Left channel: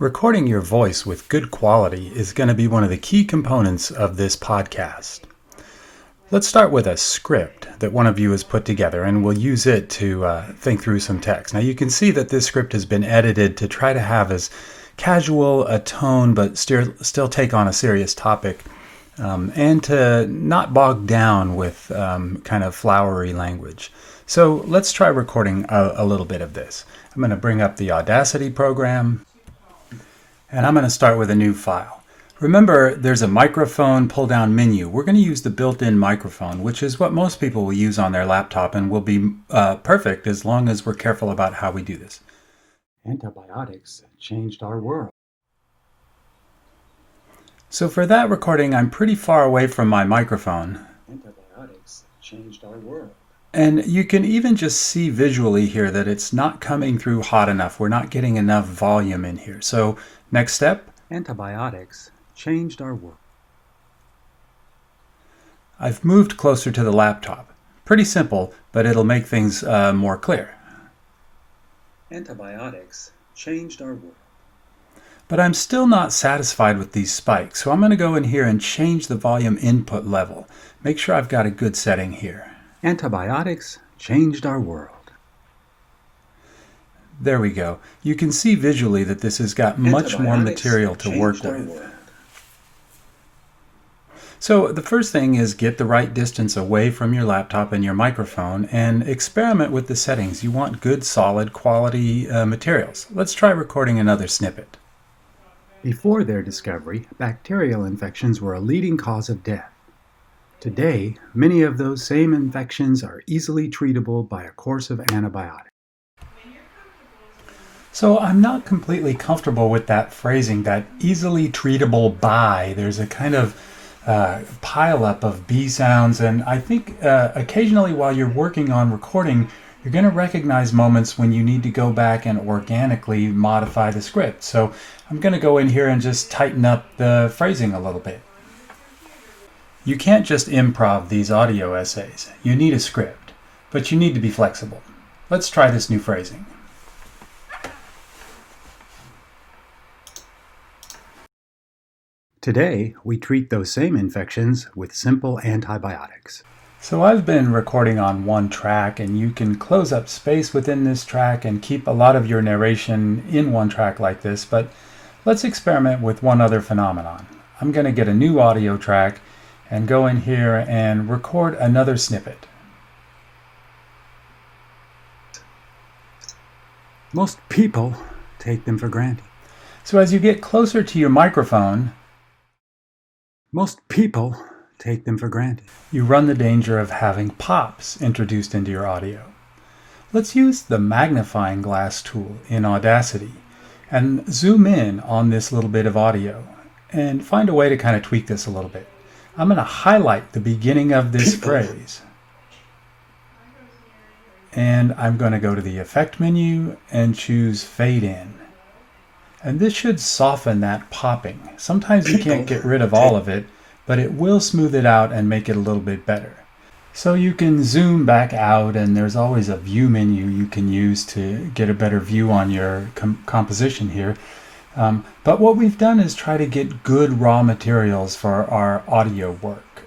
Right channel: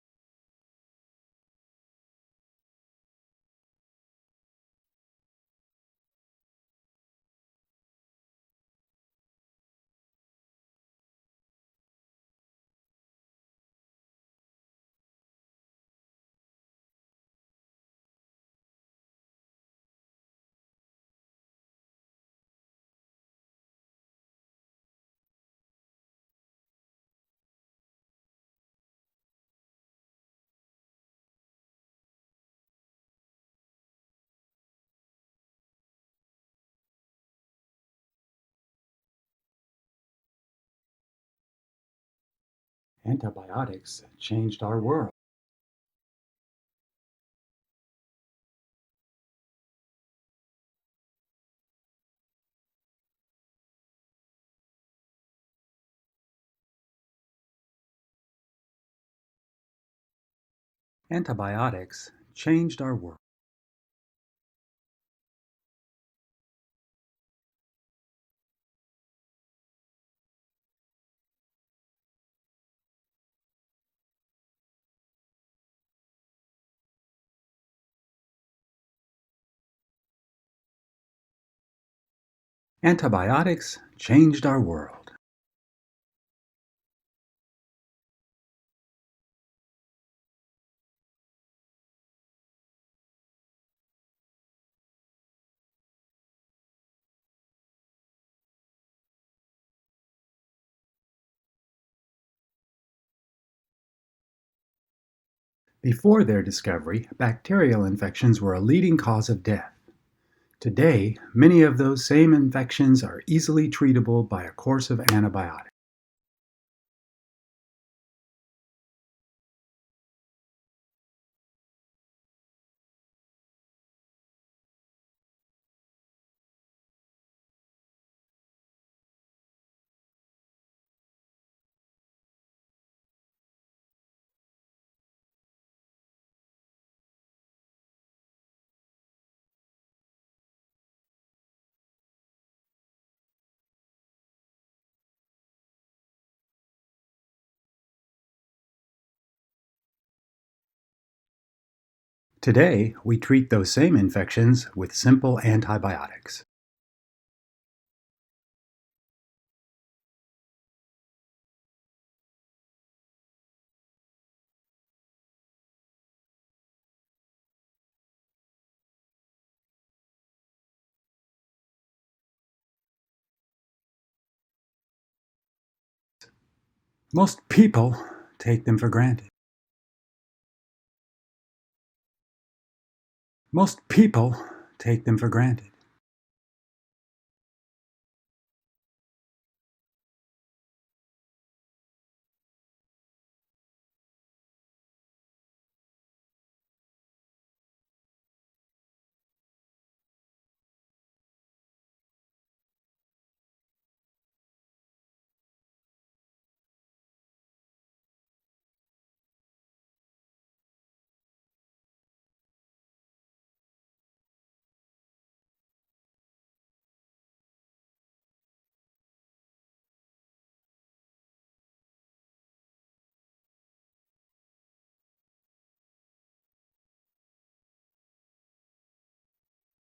Recording your voice with good quality is going to be one of the key components of this podcast. Let's start with a script that one of you has put together, and we'll use it to think through some text. Now you can see that this script has been edited to try to have as casual a tone but still take on a serious topic, and to not bog down with kind of flowery language. So let's try recording a little bit of this. I'm going to bring up the Audacity program. And I'm going to start with a new file. Remember, there's a microphone pull-down menu. We're going to use the built-in microphone, which is what most people will use on their laptop and will be perfect as long as we're careful about how we do this. Antibiotics changed our world. So for that recording, I'm pretty far away from my microphone. Antibiotics changed our world. And you can even just see visually here that it's not coming through hot enough. We're not getting enough volume in here. So next step. Antibiotics changed our world. I've moved closer to the laptop. Pretty simple, but it'll make things more clear. Antibiotics changed our world. But I'm still not satisfied with these spikes, so I'm going to go in here and change the volume input level. Make sure I've got a good setting here. Antibiotics changed our world. There we go. You can see visually that this has got much more material to work with. So the first thing is get the right distance away from your laptop and your microphone and experiment with the settings. You want good, solid, quality materials. Let's try recording another snippet. Before their discovery, bacterial infections were a leading cause of death. Today, many of those same infections are easily treatable by a course of antibiotics. So I'm not completely comfortable with that phrasing, that easily treatable by. There's a kind of pile-up of B sounds, and I think occasionally while you're working on recording, you're going to recognize moments when you need to go back and organically modify the script. So I'm going to go in here and just tighten up the phrasing a little bit. You can't just improv these audio essays. You need a script, but you need to be flexible. Let's try this new phrasing. Today, we treat those same infections with simple antibiotics. So I've been recording on one track, and you can close up space within this track and keep a lot of your narration in one track like this, but let's experiment with one other phenomenon. I'm going to get a new audio track and go in here and record another snippet. Most people take them for granted. So as you get closer to your microphone, most people take them for granted. You run the danger of having pops introduced into your audio. Let's use the magnifying glass tool in Audacity and zoom in on this little bit of audio and find a way to kind of tweak this a little bit. I'm going to highlight the beginning of this phrase. And I'm going to go to the Effect menu and choose Fade In. And this should soften that popping. Sometimes you can't get rid of all of it, but it will smooth it out and make it a little bit better. So you can zoom back out, and there's always a view menu you can use to get a better view on your composition here. But what we've done is try to get good raw materials for our audio work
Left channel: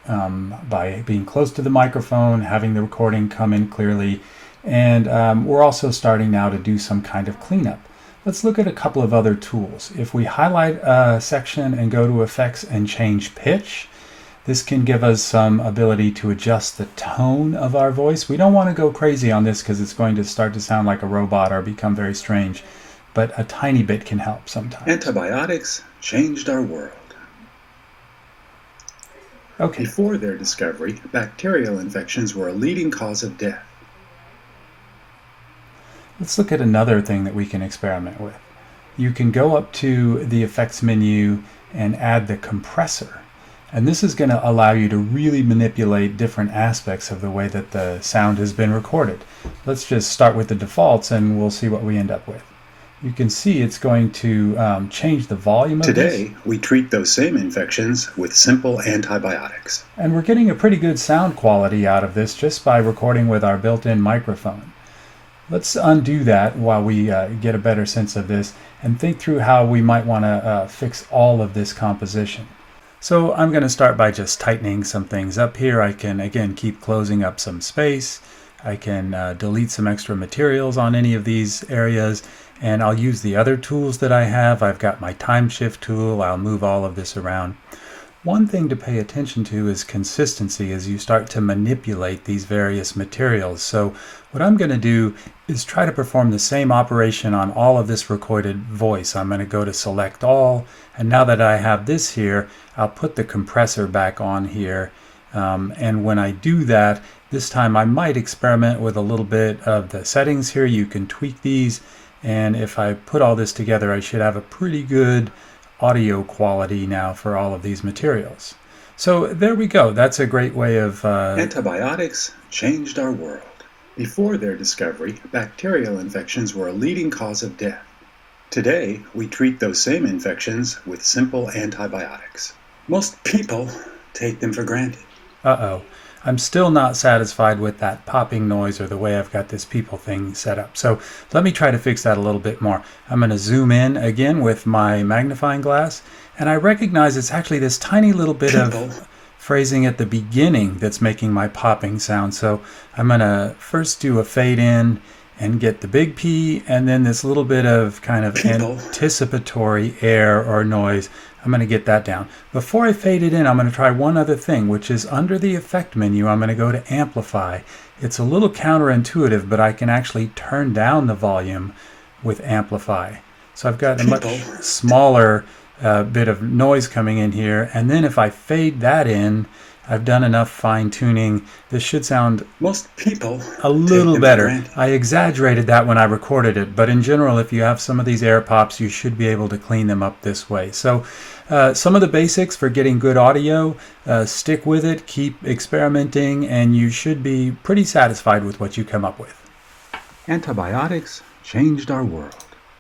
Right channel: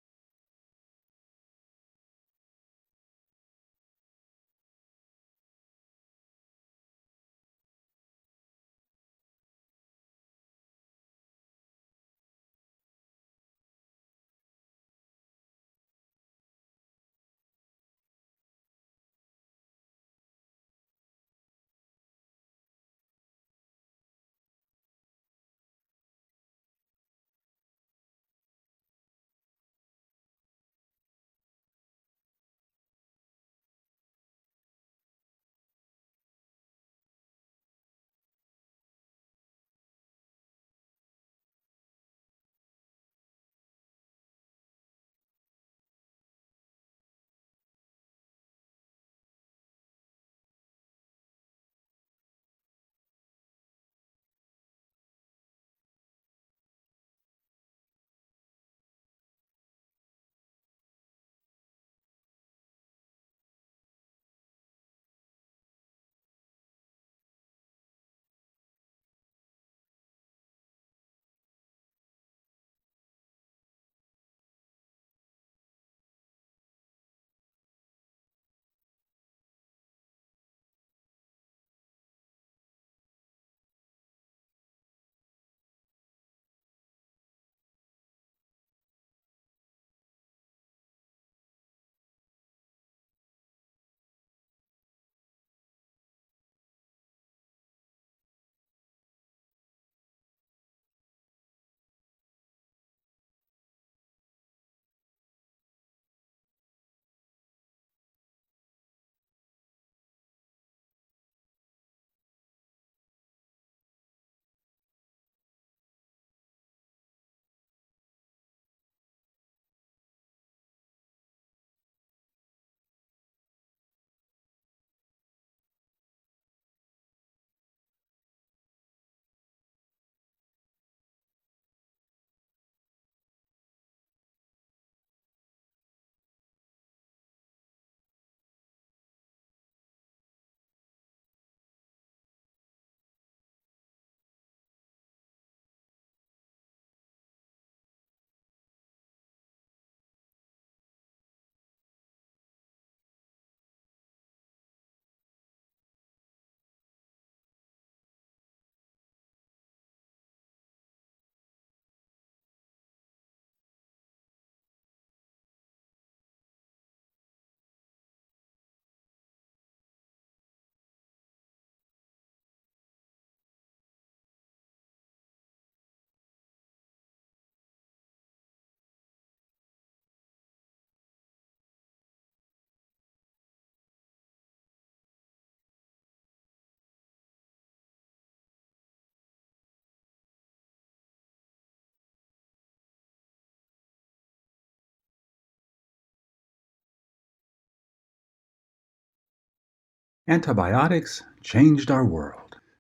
by being close to the microphone, having the recording come in clearly, and we're also starting now to do some kind of cleanup. Let's look at a couple of other tools. If we highlight a section and go to Effects and change pitch, this can give us some ability to adjust the tone of our voice. We don't want to go crazy on this because it's going to start to sound like a robot or become very strange, but a tiny bit can help sometimes. Antibiotics changed our world. Okay. Before their discovery, bacterial infections were a leading cause of death. Let's look at another thing that we can experiment with. You can go up to the Effects menu and add the compressor. And this is going to allow you to really manipulate different aspects of the way that the sound has been recorded. Let's just start with the defaults and we'll see what we end up with. You can see it's going to change the volume of this. Today, we treat those same infections with simple antibiotics. And we're getting a pretty good sound quality out of this just by recording with our built-in microphone. Let's undo that while we get a better sense of this and think through how we might want to fix all of this composition. So I'm going to start by just tightening some things up here. I can, again, keep closing up some space. I can delete some extra materials on any of these areas, and I'll use the other tools that I have. I've got my time shift tool. I'll move all of this around. One thing to pay attention to is consistency as you start to manipulate these various materials. So what I'm going to do is try to perform the same operation on all of this recorded voice. I'm going to go to select all, and now that I have this here, I'll put the compressor back on here. And when I do that, this time I might experiment with a little bit of the settings here. You can tweak these, and if I put all this together, I should have a pretty good audio quality now for all of these materials. So there we go. That's a great way of... Antibiotics changed our world. Before their discovery, bacterial infections were a leading cause of death. Today, we treat those same infections with simple antibiotics. Most people take them for granted. Uh-oh. I'm still not satisfied with that popping noise or the way I've got this people thing set up. So let me try to fix that a little bit more. I'm going to zoom in again with my magnifying glass, and I recognize it's actually this tiny little bit of phrasing at the beginning that's making my popping sound. So I'm going to first do a fade in and get the big P, and then this little bit of kind of anticipatory air or noise. I'm going to get that down. Before I fade it in, I'm going to try one other thing, which is under the effect menu, I'm going to go to amplify. It's a little counterintuitive, but I can actually turn down the volume with amplify. So I've got a much smaller bit of noise coming in here. And then if I fade that in, I've done enough fine tuning. This should sound a little better. I exaggerated that when I recorded it, but in general, if you have some of these air pops, you should be able to clean them up this way. So some of the basics for getting good audio, stick with it, keep experimenting, and you should be pretty satisfied with what you come up with. Antibiotics changed our world.